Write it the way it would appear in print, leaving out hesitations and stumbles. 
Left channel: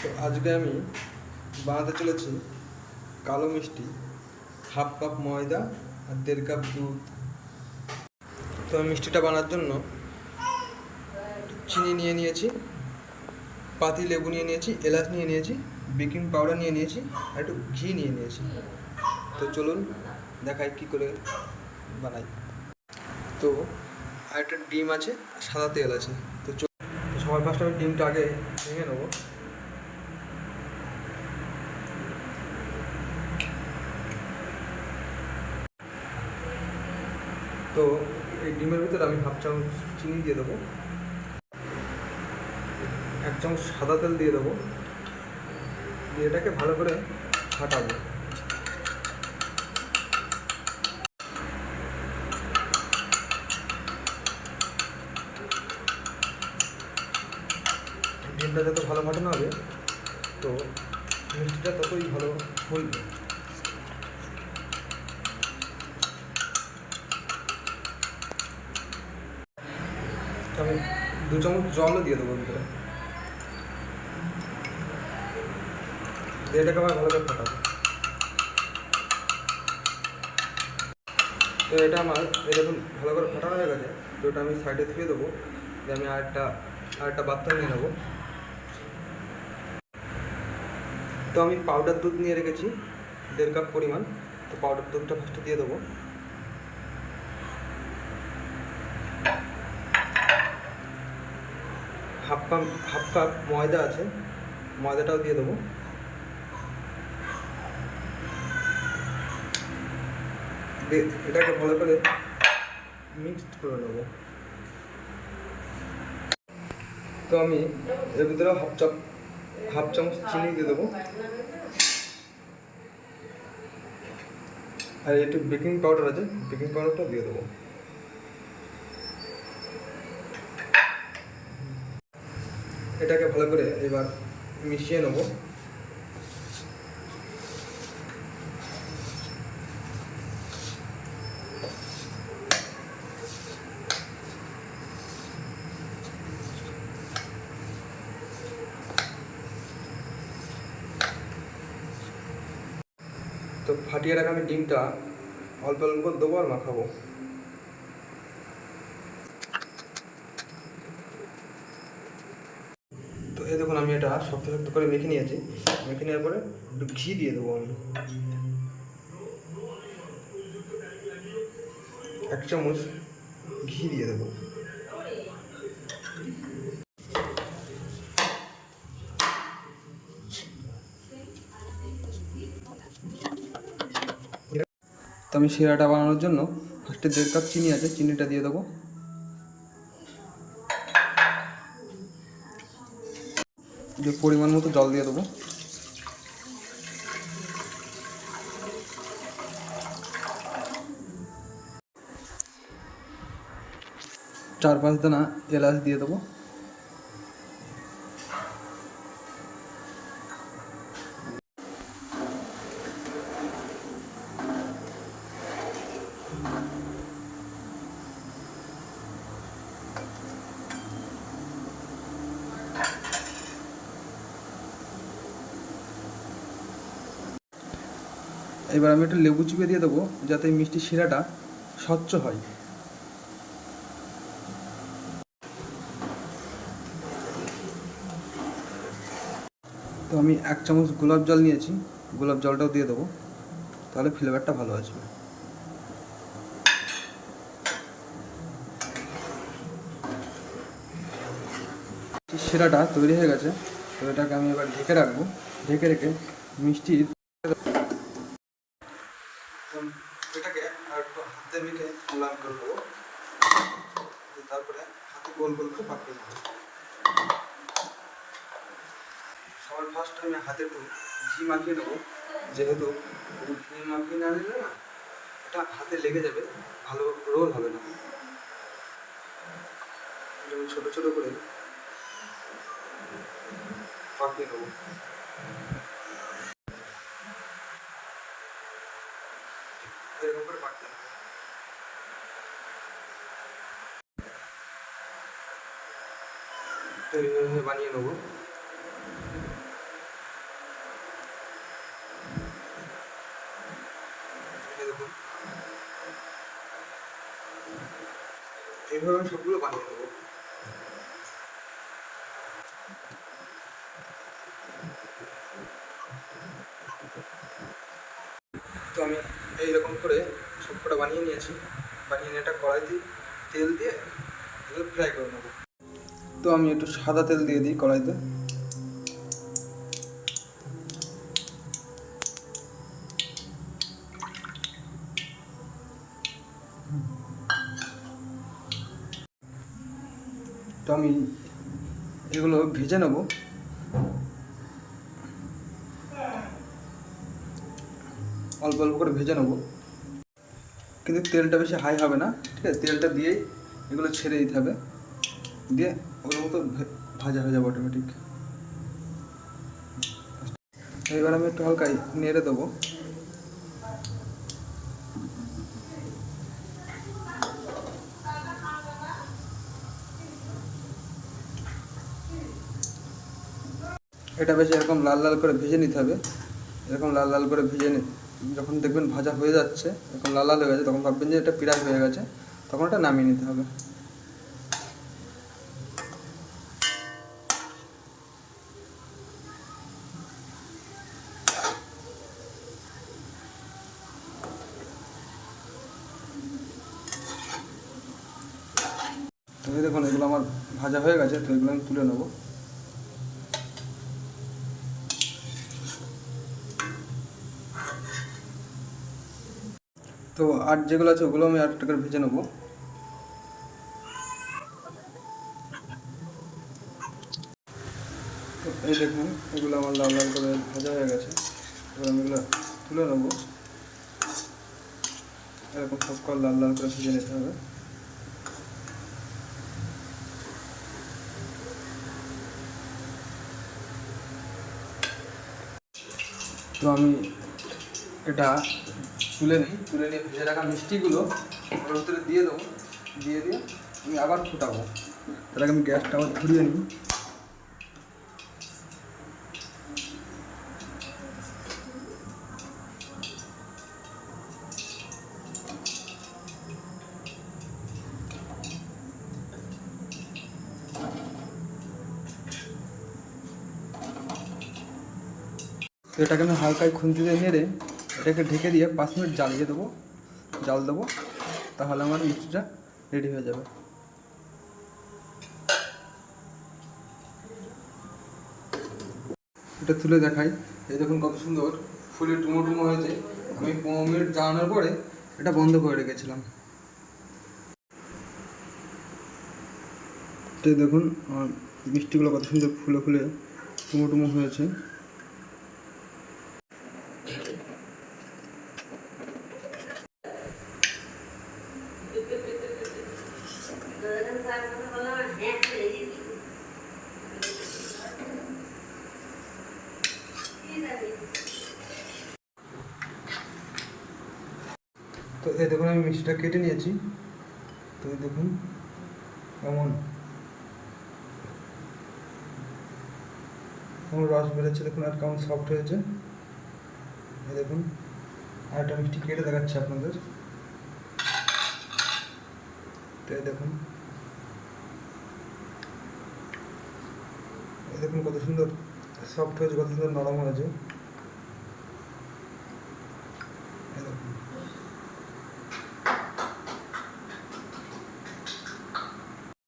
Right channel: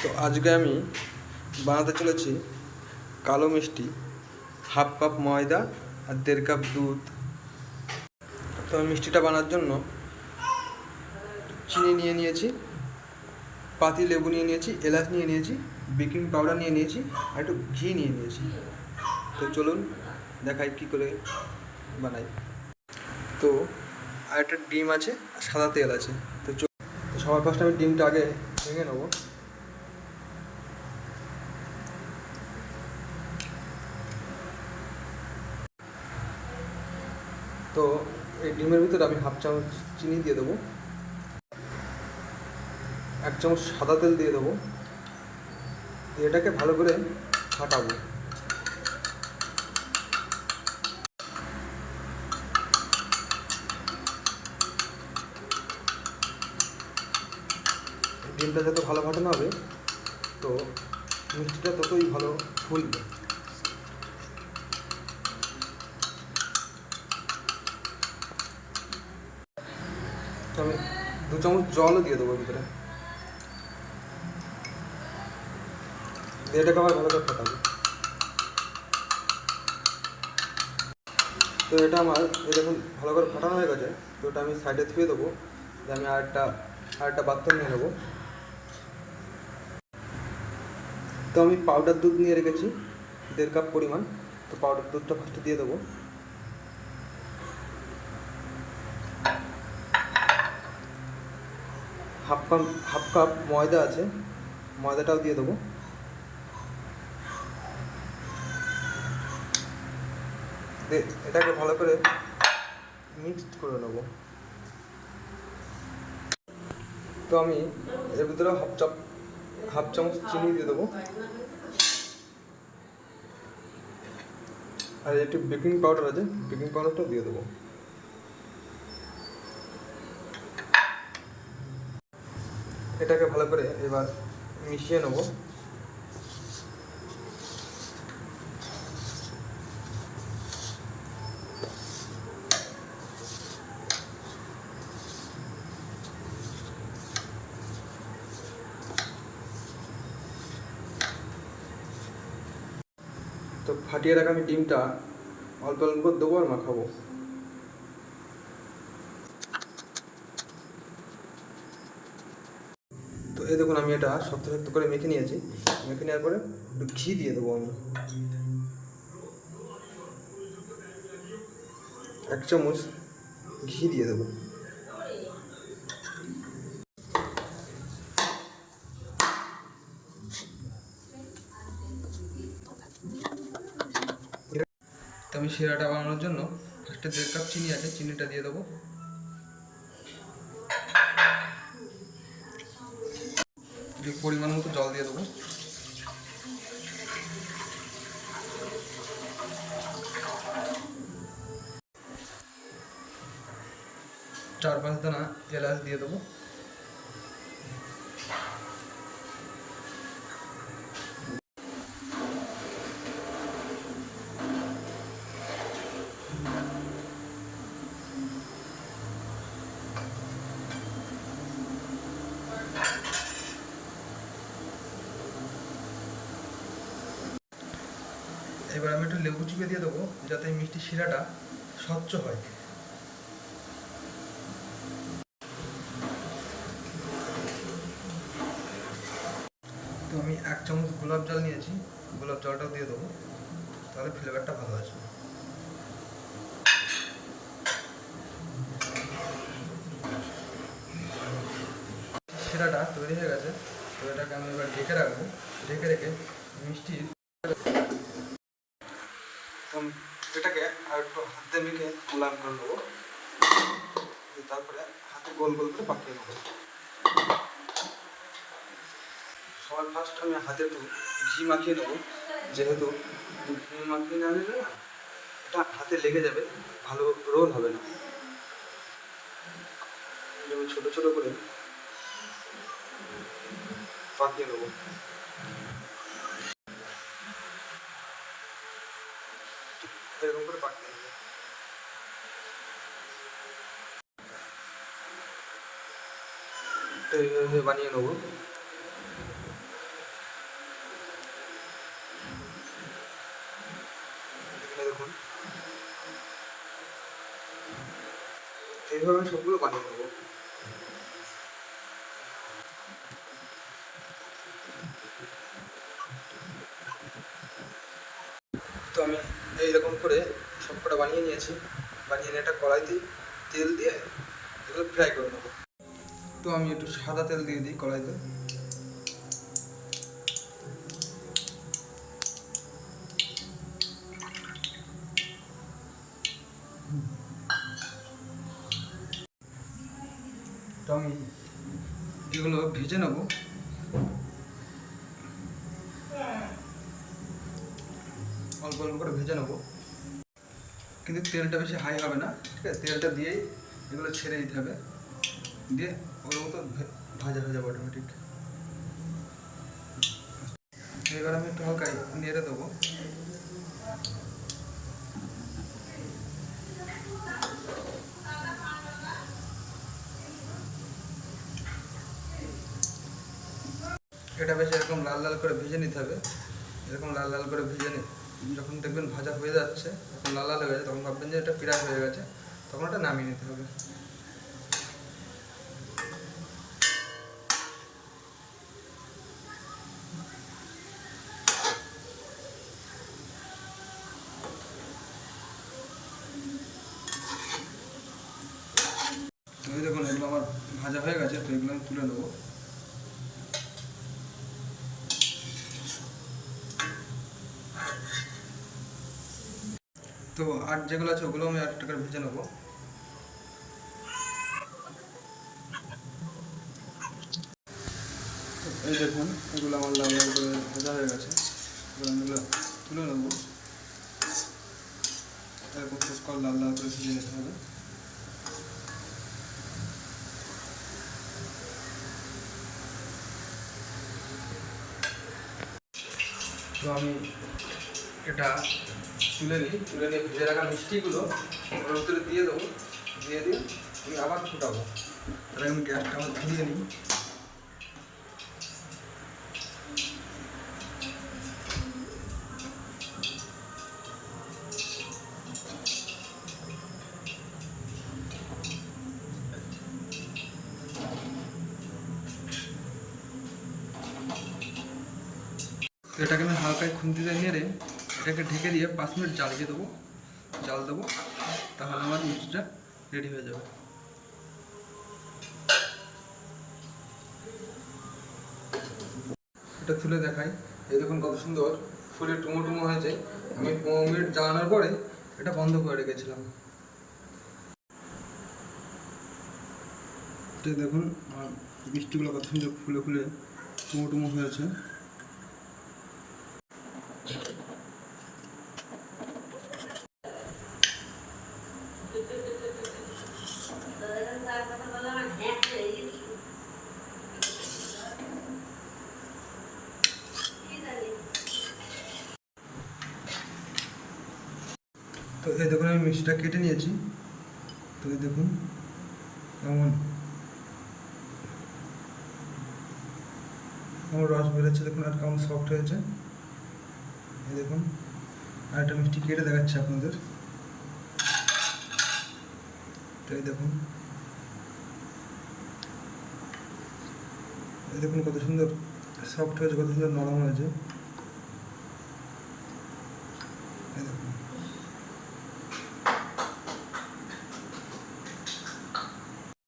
তো আজকে আমি বানাতে চলেছি কালো মিষ্টি, হাফ কাপ ময়দা আর 1.5 কাপ দুধ। তো আমি মিষ্টিটা বানার জন্য চিনি নিয়ে নিয়েছি, পাতি লেবু নিয়ে নিয়েছি, এলাচ নিয়ে নিয়েছি, বেকিং পাউডার নিয়ে নিয়েছি আর একটু ঘি নিয়ে নিয়েছি। তো চলুন দেখাই কী করে বানাই। তো আর একটা ডিম আছে আর সাদা তেল আছে। তো সবার ফার্স্টে আমি ডিমটা আগে ভেঙে নেবো। তো এই ডিমের ভিতরে আমি হাফ চামচ চিনি দিয়ে দেবো, 1 চামচ সাদা তেল দিয়ে দেবো, দিয়ে এটাকে ভালো করে ফাটাবো। ডিমটা যত ভালো ফাটানো হবে তো মিষ্টিটা ততই ভালো ফুলবে। তো আমি 2 চামচ জলও দিয়ে দেবো ভিতরে, দিয়ে এটাকে আবার ভালো করে ফাটাবো। তো এটা আমার দেখুন ভালো করে ফাটানো হয়ে গেছে। তো এটা আমি সাইডে ধুয়ে দেবো, দিয়ে আমি আরেকটা পাত্র নিয়ে নেবো। তো আমি পাউডার দুধ নিয়ে রেখেছি 1.5 কাপ পরিমাণ। তো পাউডার দুধটা ফার্স্টে দিয়ে দেবো, হাফ কাপ ময়দা আছে, ময়দাটাও দিয়ে দেবো। দিয়ে এটাকে ভালো করে মিক্সড করে নেবো। তো আমি এর ভিতরে হাফ চামচ চিনি দিয়ে দেবো, আর একটু বেকিং পাউডার আছে, বেকিং পাউডারটা দিয়ে দেবো। এটাকে ভালো করে এবার মিশিয়ে নেবো। তো ফাটিয়ে রাখা আমি ডিমটা অল্প অল্প করে দেবো আর মাখাবো। তো এই দেখুন আমি এটা শক্ত শক্ত করে মেখে নিয়েছি। মেখে নেওয়ার পরে একটু ঘি দিয়ে দেবো আমি, 1 চামচ ঘি দিয়ে দেবো। তো আমি শিরাটা বানানোর জন্য ফার্স্টে 1.5 কাপ চিনি আছে, চিনিটা দিয়ে দেবো। যে পরিমাণ মতো জল দিয়ে দেবো। চার পাঁচ দানা এলাচ দিয়ে দেবো। এবার আমি একটু লেবু চিপে দিয়ে দেবো যাতে মিষ্টি শিরাটা স্বচ্ছ হয়। তো আমি 1 চামচ গোলাপ জল নিয়েছি, গোলাপ জলটাও দিয়ে দেবো, তাহলে ফ্লেভারটা ভালো আসবে। শিরাটা তৈরি হয়ে গেছে। তো এটাকে আমি এবার ঢেকে রাখবো। ঢেকে রেখে মিষ্টির এটাকে আর একটু হাতে মেখে গোলাপ করে নেবো, তারপরে হাতে গোল গোল করে পাকিয়ে নেবো। সবার ফার্স্ট আমি হাতে একটু ঘি মাখিয়ে নেবো, যেহেতু ঘি মাখিয়ে না নিলে না এটা হাতে লেগে যাবে, ভালো রোল হবে না। যেমন ছোটো ছোটো করে পাকিয়ে নেবো। এরকম করে পাকিয়ে নেবো। তো এইভাবে বানিয়ে নেবো। এইভাবে আমি সবগুলো বানিয়ে নেবো। তো আমি এইরকম করে সব কটা বানিয়ে নিয়েছি। বানিয়ে নিয়ে একটা কড়াইতে তেল দিয়ে এগুলো ফ্রাই করে নেবো। তো আমি একটু সাদা তেল দিয়ে দিই কড়াইতে। তো আমি এগুলো ভেজে নেব। অল্প অল্প করে ভেজে নেব, কিন্তু তেলটা বেশি হাই হবে না, ঠিক আছে? তেলটা দিয়েই এগুলো ছেড়ে দিতে হবে, দিয়ে ওগুলো মতো ভাজা হয়ে যাবে অটোমেটিক। এবার আমি একটু হালকা নেড়ে দেবো। এটা বেশ এরকম লাল লাল করে ভেজে নিতে হবে। এরকম লাল লাল করে ভেজে যখন দেখবেন ভাজা হয়ে যাচ্ছে, এখন লাল লাল হয়ে গেছে, তখন ভাববেন যে এটা প্রায় হয়ে গেছে, তখন ওটা নামিয়ে নিতে হবে। তো এই দেখুন এগুলো আমার ভাজা হয়ে গেছে, তো এগুলো আমি তুলে নেবো। তো আর যেগুলো আছে ওগুলো আমি আরেকটা করে ভেজে নেবো। তো এই দেখুন এগুলো আমার লাল লাল করে ভাজা হয়ে গেছে, এবার আমি এগুলো তুলে নেবো। এরকম সব করে লাল লাল করে ভেজে নিতে হবে। তো আমি এটা তুলে নিয়ে ভেজে রাখা মিষ্টিগুলো ওর ভিতরে দিয়ে দেবো। দিয়ে আমি আবার ফুটাবো। তাহলে আমি গ্যাসটা আবার ঘুরিয়ে নিই। তো এটাকে আমি হালকায় খুন্তিতে নেড়ে এটাকে ঢেকে দিয়ে 5 মিনিট জ্বালিয়ে দেবো, জাল দেবো, তাহলে আমার মিষ্টিটা রেডি হয়ে যাবে। এটা তুলে দেখাই, এই দেখুন কত সুন্দর ফুলে টুমো হয়েছে। আমি 15 মিনিট জ্বালানোর পরে এটা বন্ধ করে রেখেছিলাম। তো দেখুন আমার মিষ্টিগুলো কত সুন্দর ফুলে ফুলে টুমো হয়েছে। তো এই দেখুন আমি মিষ্টিটা কেটে নিয়েছি। তো এই দেখুন কেমন রস বেরোচ্ছে, দেখুন আর কেমন সফট হয়েছে। এই দেখুন আর একটা মিষ্টি কেটে দেখাচ্ছি আপনাদের। তো এই দেখুন কত সুন্দর সফট হয়েছে, কত সুন্দর নরম হয়েছে।